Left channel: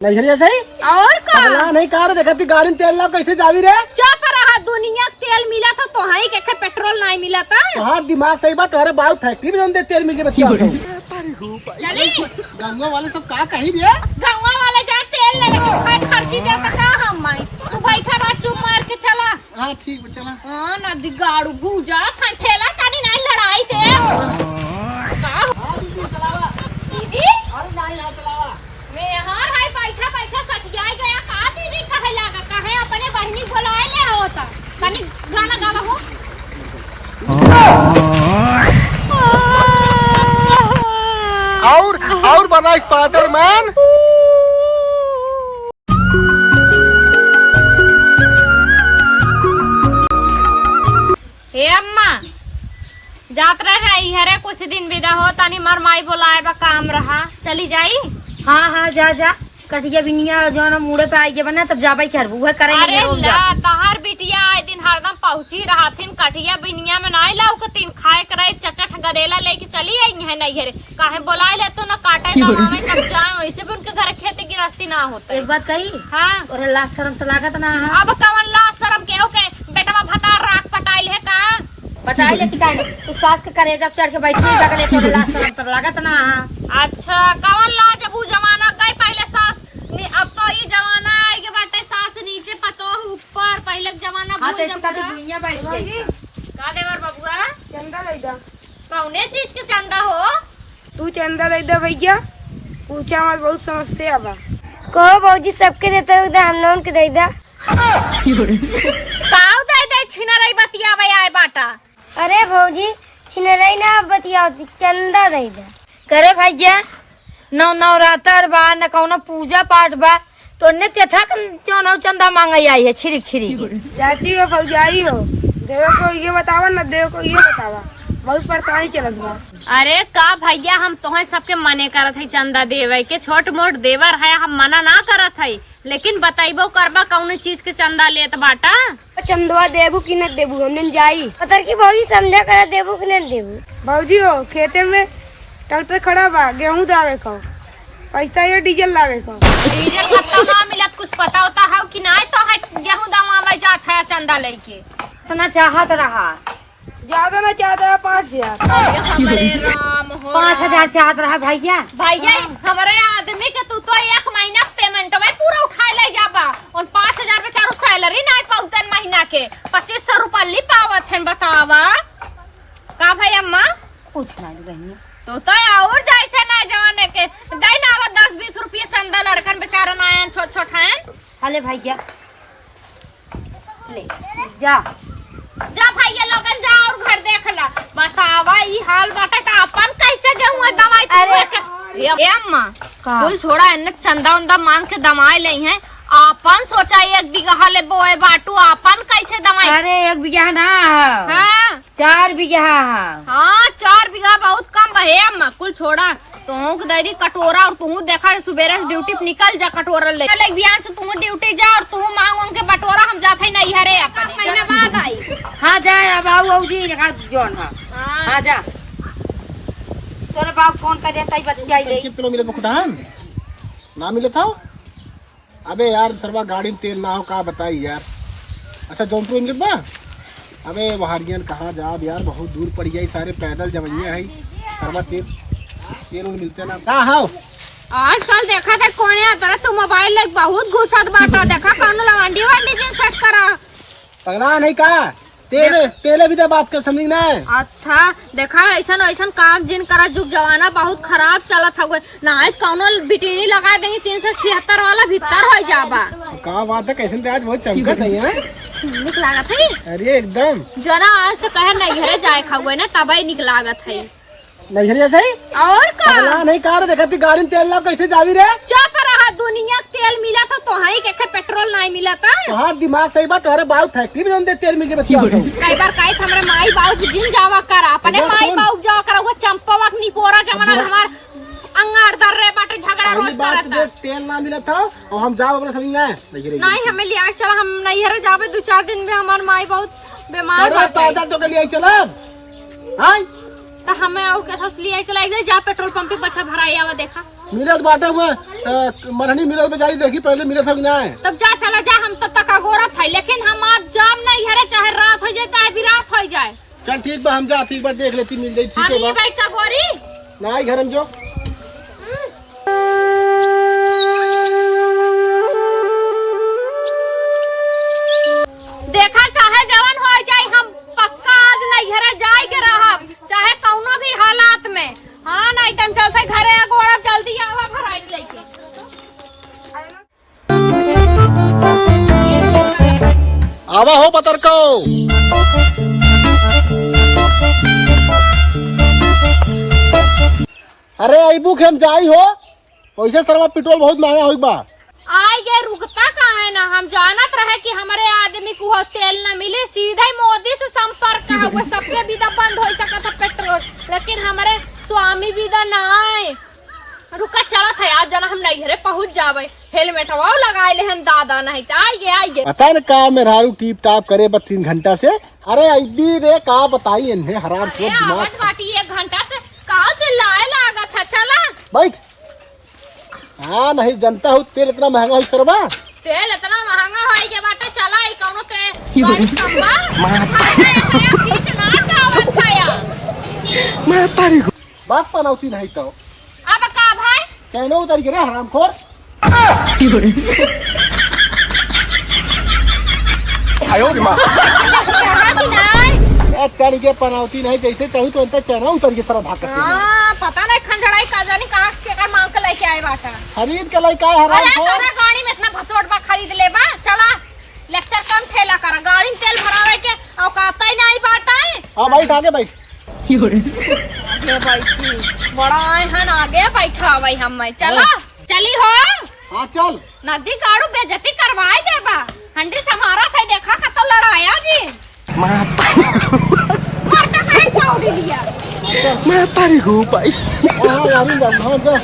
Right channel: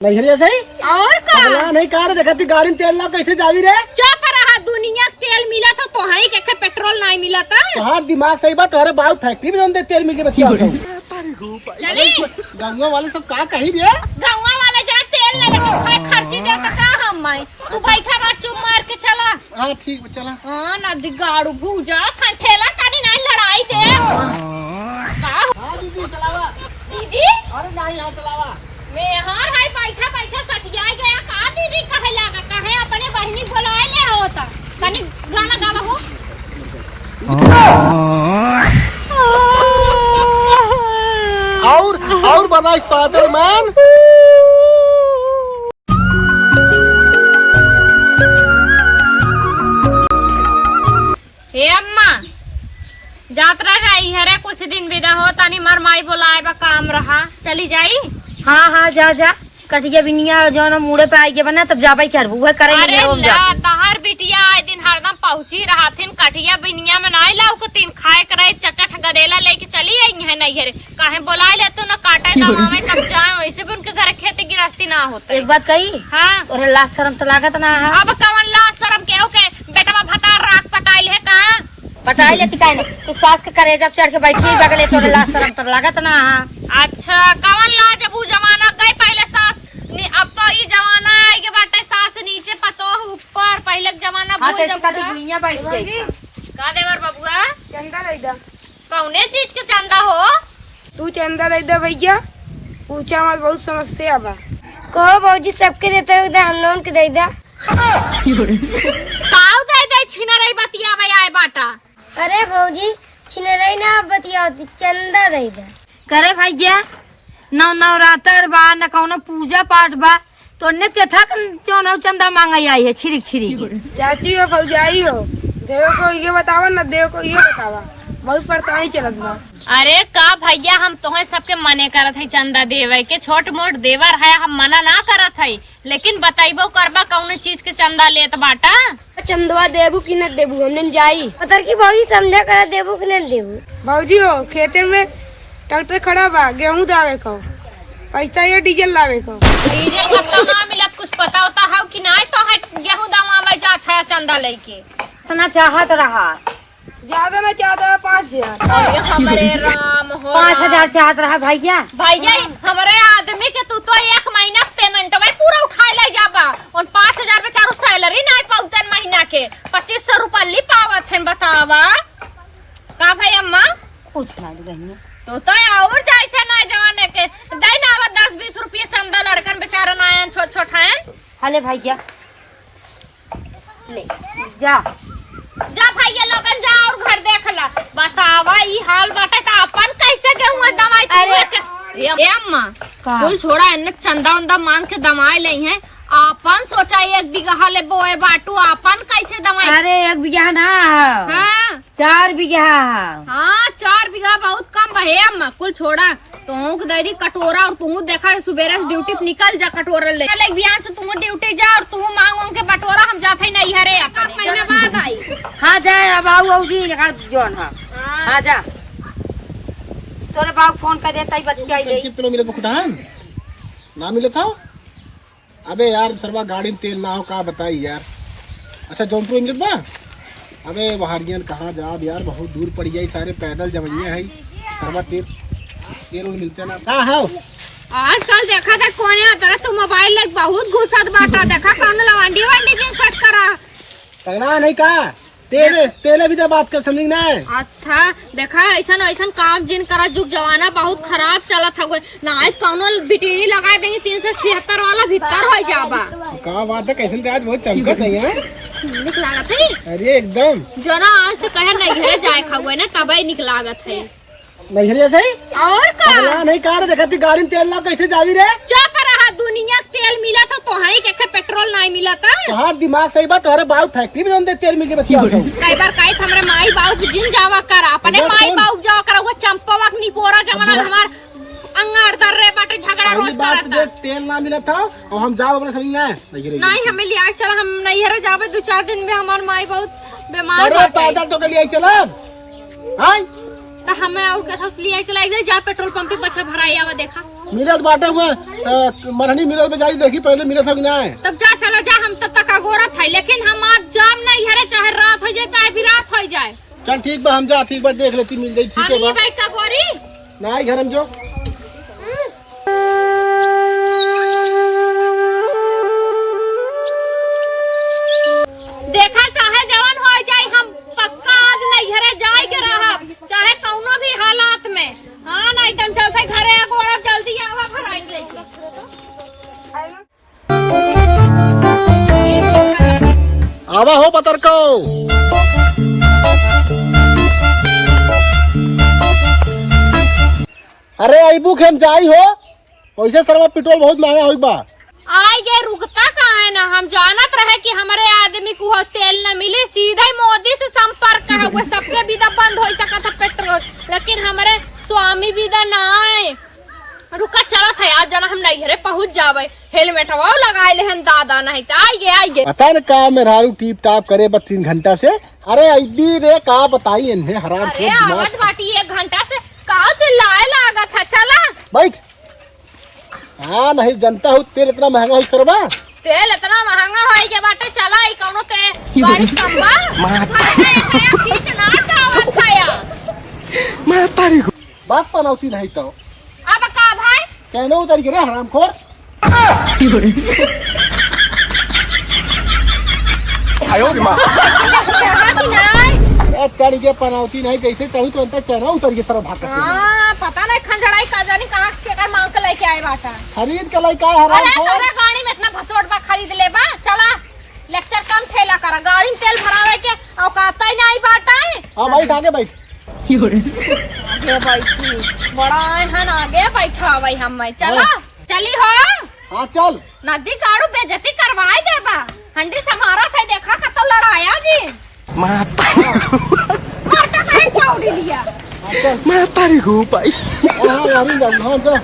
नहीं है सही और का नहीं कार देखा थी गाड़ी में तेल ना कैसे जावी रे। चुप रहा, दुनिया तेल मिला था तो हाई के पेट्रोल नहीं मिला था। हाँ दिमाग सही बात, तुम्हारे बाबू फैक्ट्री में जानते तेल मिल के बच्चे चली गंगा वाले सब कहा कही दिया गाँव वाले जा तेल ले खर्ची दे तो का हम माई तू बैठा रहा चुप मार के चला। हाँ ठीक है चला। हाँ नदी गाड़ू भूजा था ठेला कानी नहीं लड़ाई दे हाँ दीदी चलावा। दीदी अरे नहीं यहाँ चलावा मैं हार हाय बैठा बैठा सठिया गया का दीदी कहे लगा कहे अपने बहनी बुलाए ले होता कनी गाना गावा हो। और बना स्पाइडरमैन। हे अम्मा यात्रा जाई हरे कुछ दिन विदा हो तानी मर माई बोलाए बा काम रहा चली जाई। हाँ हाँ जा जा कटिया बिनिया जो ना मुड़े पे आई के बना तब जाबा करबू है करेंगे हम जा। तहार बिटिया आए दिन हरदम पहुंची रहा थिन कटिया बिनिया में नहीं लाऊ के तीन खाए करे चचा गदेला लेके चली आई है नहीं हरे काहे बोलाए ले तो ना काटा दवावे कब जाए वैसे भी उनके घर खेती गृहस्थी ना होता। एक बात कही हां और लाज शर्म तो लागत ना है। अब कवन लाज शर्म केहू के बेटा भता राख पटाइल है का पटाई लेती काहे ना तू सास के करे जब चढ़ के बैठी बगले तो लाज शर्म तो लागत ना है। अच्छा कवन लाज अब जमाना गई पहले सास अब तो ये जमाना है के बाटे सास नीचे पतो ऊपर पहले जमाना भूल जब दुनिया बैठ गई का देवर बबुआ चंदा दे दा। कौने चीज के चंदा हो तू चंदा दे दा भैया, पूछा मत बहुत समस्या बा। कहो भौजी सबके देते हो हम लोन के दे दा। काऊ दे छिना रही बतिया भाई आए बाटा। अरे भौजी छिनरई ना बतिया चंदा दे दा। करे भैया नवरात्र बा न कौनो पूजा पाठ बा तो ने कथा चौनो चंदा मांगाई आई है छिरिक छिरिक। चाची हो फौजाई हो, देव को ये बतावा न देव को ये बतावा, बहुत परेशानी चलत बा। अरे का भैया हम तोहे सबके मने करत है चंदा देवे के छोट मोट देवर है हम मना ना करत है लेकिन बताइबो करबा कौन चीज के चंदा लेत बाटा। चंदवा देबू कि न देबू हमने जाई पतर की भौजी समझा कर देबू कि न देबू। भौजी हो खेते में ट्रैक्टर खड़ा बा, गेहूं दावे को पैसा या डीजल लावे को। डीजल कत्ता ना मिलत कुछ पता होता है कि नहीं तो है गेहूं दमावे जात है चंदा लेके। इतना चाहत रहा ज्यादा ना चाहता 5000। अरे हमरे राम हो 5000 चाहत रहा भैया। भैया हमारे आदमी के तू तो एक महीना पेमेंट में पूरा उठा ले जाबा और 5000 में चारों सैलरी नहीं पाउतन महीना के 2500 रुपया ली पावत है बतावा का भाई अम्मा कुछ ना बहनी तो और जैसे ना जवाने के दे ना 10-20 रुपये चंदा लड़कन बेचारा ना छोट छोट है। हले भैया ले जा जा भैया लोगन जा और घर देख ला बतावा ई हाल बाटे तो अपन कैसे गेहूं दवाई अरे ए अम्मा कुल छोड़ा इन्ने चंदा उंदा मांग के दवाई लई है अपन सोचा 1 बीघा ले बोए बाटू अपन कैसे दवाई। अरे 1 बीघा ना हाँ 4 बीघा। हाँ 4 बीघा बहुत कम है अम्मा कुल छोड़ा तू दरी कटोरा और तू देखा सुबेरे ड्यूटी पे निकल जा कटोरा ले बिहान से तू ड्यूटी जा और तू मांग के बटोरा हम जाते नहीं हरे अपन महीना बाद आई। हाँ जा अब आओ जी जोन हाँ जा तोरे बाप फोन कर देता ही बतियाई ले कितने मिले बकुटान ना मिले था। अबे यार सरवा गाड़ी में तेल ना हो का बताई यार। अच्छा जौनपुर मिलत बा। अबे वहारियन कहाँ जाब यार बहुत दूर पड़ जाई सारे पैदल जवैया है सरवा तेल मिलते ना का हो। आजकल देखा था कोने आता तू मोबाइल ले बहुत घुसत बाटा देखा कौन लवांडी वांडी जिन सेट करा पगला नहीं का तेल भी तो बात कर समझ ना। अच्छा देखा ऐसा ऐसा काम जिन करा जुग जमाना बहुत खराब चलत हुए ना कौनो बिटिनी लगा देंगे 376 वाला भीतर हो जाबा का बात है कैसे आज बहुत चमकत है निक लागत है। अरे एकदम जना आज तो कहे नहीं घरे जाए खावे ना तबई निक लागत है नहीं है सही और का पगला नहीं कार देखा थी गाड़ी में तेल ना कैसे जावी रे। चुप रहा, दुनिया तेल मिला था तो हाई के पेट्रोल नहीं मिला था। हाँ दिमाग सही बात, तुम्हारे बाबू फैक्ट्री में जानते तेल मिल के बच्चे कई बार कई हमरे माई बाबू जिन जावा कर अपने माई बाबू जावा कर वो चंपवा निपोरा जमाना हमार अंगार दर रे बाटे झगड़ा रोज करता। तेल ना मिला था और हम जाओ अपने समझ नहीं हमें लिया चला हम नहीं हरे जावे 2-4 दिन में हमार माई बहुत बीमार अरे पैदल तो के लिए चला हां तो हमें और कथा लिए चला जा पेट्रोल पंप पे बच्चा भराया हुआ देखा मिलत बाटे हुए मरहनी मिलत में जाई देखी पहले मिलत हो कि ना है। तब जा चलो जा, हम तब तक अगोरत है, लेकिन हम आज जाम नहीं हरे, चाहे रात हो जाए चाहे भी रात हो जाए। चल ठीक बा, हम जाती एक बार देख लेती मिल जाई। ठीक है बा भाई का गोरी ना आई घर में जो देखा, चाहे जवान हो जाए हम पक्का आज नहीं घरे जाए के रहब, चाहे कौनो भी हालात में। हाँ नहीं तन चल से घरे अगोरा जल्दी आवा भराई लेके। आवा हो पतर को। अरे आईबू खेम जाई हो, पैसे सरवा पेट्रोल बहुत महंगा होई बा। आई गे रुकता कहाँ है ना, हम जानत रहे कि हमारे आदमी को हो तेल न मिले, सीधे मोदी से संपर्क हुए, सबके विदा बंद हो सका था पेट्रोल, लेकिन हमारे स्वामी विदा ना आए। रुका चलत है, आज जना हम नहीं घरे पहुँच जावे, हेलमेट वो लगाए ले हम दादा नहीं तो आइए पता न का मेहरारू टीप टाप करे बस 3 घंटा से। अरे अभी रे का बताई इन्हें हराम अरे खोर दिमाग। आवाज बाटी 1 घंटा से का चिल्लाए लागा था। चला बैठ। हाँ नहीं जनता हूँ तेल इतना महंगा हो सरबा। तेल इतना महंगा हो के बाटे, चला ई कौनो के गाड़ी संभा बात पनौती नहीं तो अब का भाई कहनो उतर गिरे हराम खोर। चढ़ के पनौती नहीं, जैसे चढ़ी तो अंतर चढ़ा उतर के सर भाग। पता नहीं खंजड़ाई का जानी कहाँ के मांग के लेके आए बाटा। खरीद के लाई का हराम अरे खोर। तोरा गाड़ी में इतना भसोट बा खरीद ले बा, चला लेक्चर कम ठेला करा, गाड़ी में तेल भरावे के औकात ही नहीं बाटा है। हाँ बैठ आगे बैठ। आगे बैठी बड़ा हन आगे बैठा भाई हम चला चली हो। हाँ चल। नदी गाड़ू बेइज्जती करवाए दे बा, हंडी समारा था देखा का तो लड़ाया जी मारता कहीं पाउडी लिया मैं तारी हूँ भाई। हाँ यारी जब हाँ जा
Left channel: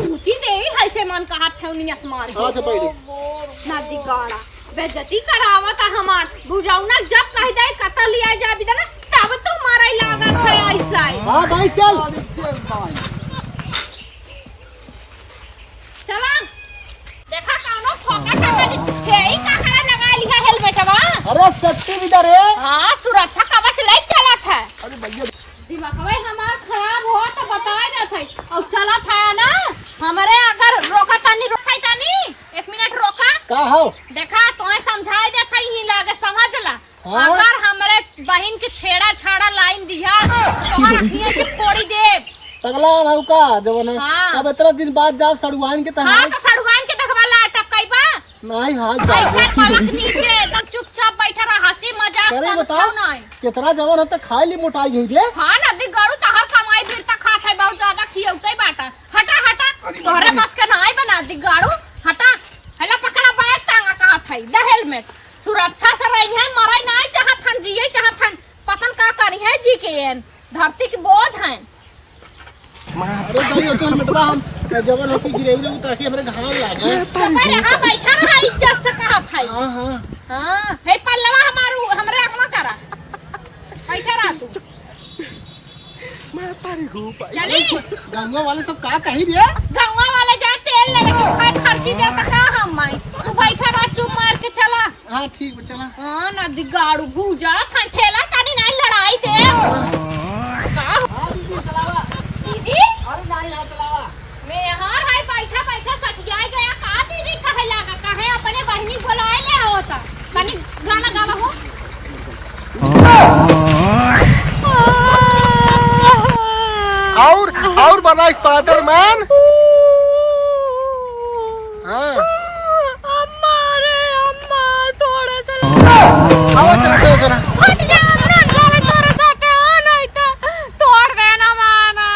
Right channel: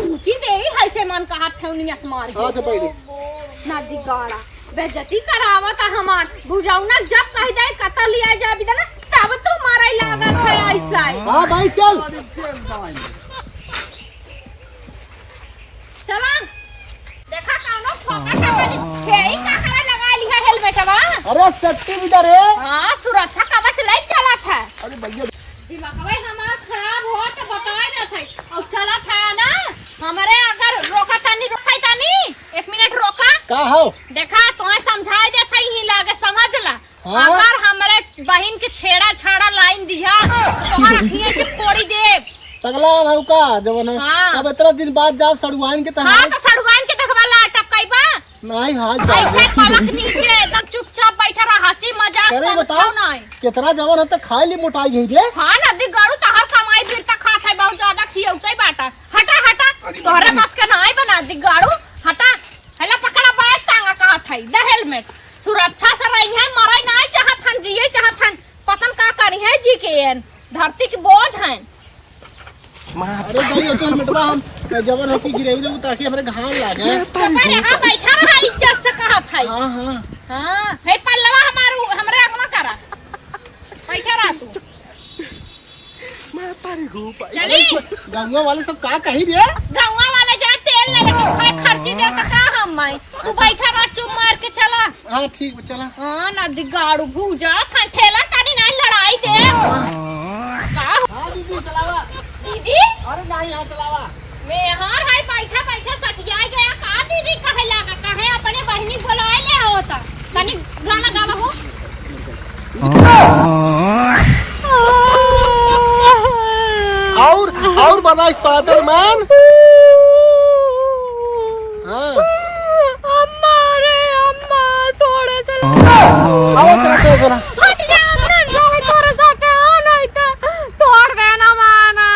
ऊंची दे है से मन का हाथ ठेवनी असमार हाँ से पहले नदी गाड़ा बेइज्जती करावा था हमार बुझाउना जब कह दे कतल लिया जा बिदा ना तब तो मारा लागत है ऐसा। हाँ भाई चल। चला देखा कानो फोकस है ही का करे लगा लिया हेलमेट बा। अरे सट्टी इधर है। हां सुरक्षा कवच ले चला था। अरे भैया दिमाग भाई हमार खराब हो तो बताए ना थे और चला था ना हमारे अगर रोका तानी रोकाई तानी 1 मिनट रोका का हो देखा तोहे समझाए दे थई ही लागे समझ ला। हाँ? अगर हमरे बहन के छेड़ा छाड़ा लाइन दिया तो तोहर अखिए के फोड़ी दे पगला ना का जवन है। हाँ। अब इतना दिन बाद जाओ सड़ुआन के तहां। हां तो सड़ुआन के देखवा ला टपकाई बा नहीं हाल ऐसे पलक नीचे एकदम चुपचाप बैठा रहा, हंसी मजाक अरे कम बताओ नहीं। कितना जवन है तो खाए ली मोटाई गई रे। हाँ नदी गड़ू तो हर कमाई बिरता खात है, बहुत ज्यादा खियौते बाटा। हटा हटा तोहरे बस के नहीं बना दी गाड़ू, हटा हेला पकड़ा बैग टांगा कहा था दे हेलमेट सुरक्षा से रही है, मराई नहीं चाहत हन जिए चाहत हन, पतन का करी है जी के धरती के बोझ हैं। अरे भाई तो हेलमेटवा हम जवन है कि गिरई रे ताकि हमरे घाव लागे। तो पर यहाँ बैठा रहा इज्जत से कहा था। हां हां हाँ हे पल्लवा हमारू हमरे अगवा करा बैठा रहा तू मैं तारी हूं भाई। चली गंगा वाले सब का कही रे। गंगा वाले जा तेल ले लेके खाए खर्ची दे तो का हम मैं तू बैठा रहा चुप मार के चला। हां ठीक चला। हाँ नदी गाड़ू भूजा था ठेला कानी नहीं लड़ाई दे का हां दीदी चलावा। दीदी अरे नहीं यहां चलावा मैं हार है बैठा बैठा सठिया गया का दीदी कहे लगा कहे अपने बहनी बुलाए ले होता कनी गाना गावा हो। और बना स्पाइडरमैन। हाँ अम्मा रे अम्मा थोड़ा सा आओ चला तो जरा। हट जा हमरा घर तोरे साथे नहीं तो तोड़ देना माना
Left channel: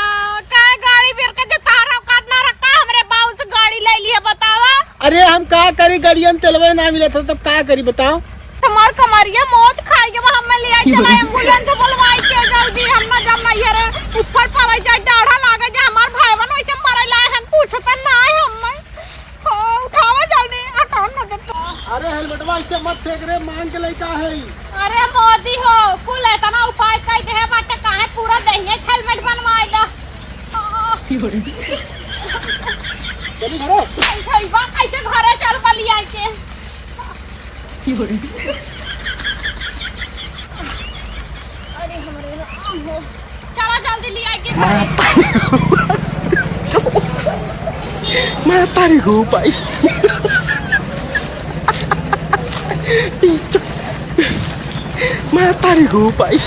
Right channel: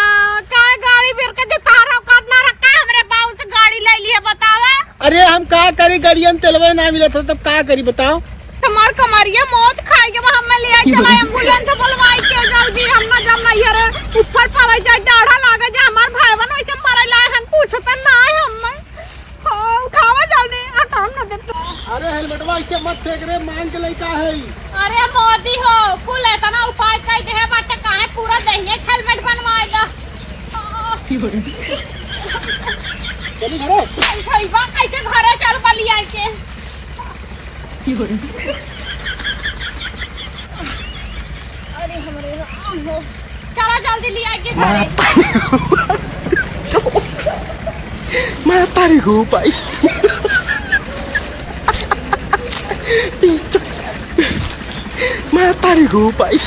का गाड़ी फिर के जो तारा काटना रखा हमरे बाऊ से गाड़ी ले लिए बतावा। अरे हम का करी गाड़िया में तेलवे ना मिला था तब का करी बताओ। हमार कमरिया मौत खाई के हम ले आई चला एम्बुलेंस बुलवाई के जल्दी हम ना जम नहीं रे ऊपर पड़े जाए डाढ़ा लागे जा हमार भाई बहन वैसे मरे लाए हन पूछत ना है हम उठावा जल्दी हटाओ ना दे। अरे हेलमेटवा ऐसे मत फेंक रे, मांग के लइका है। अरे मोदी हो कुल इतना उपाय कई दे बाटे काहे पूरा दहिए हेलमेट बनवाए दा चली घरे भईवा कैसे घरे चल बली आई के अरे हमरे राम हो चला जल्दी ले आई के घरे मैं तारी हो पाई मैं तारी हो पाई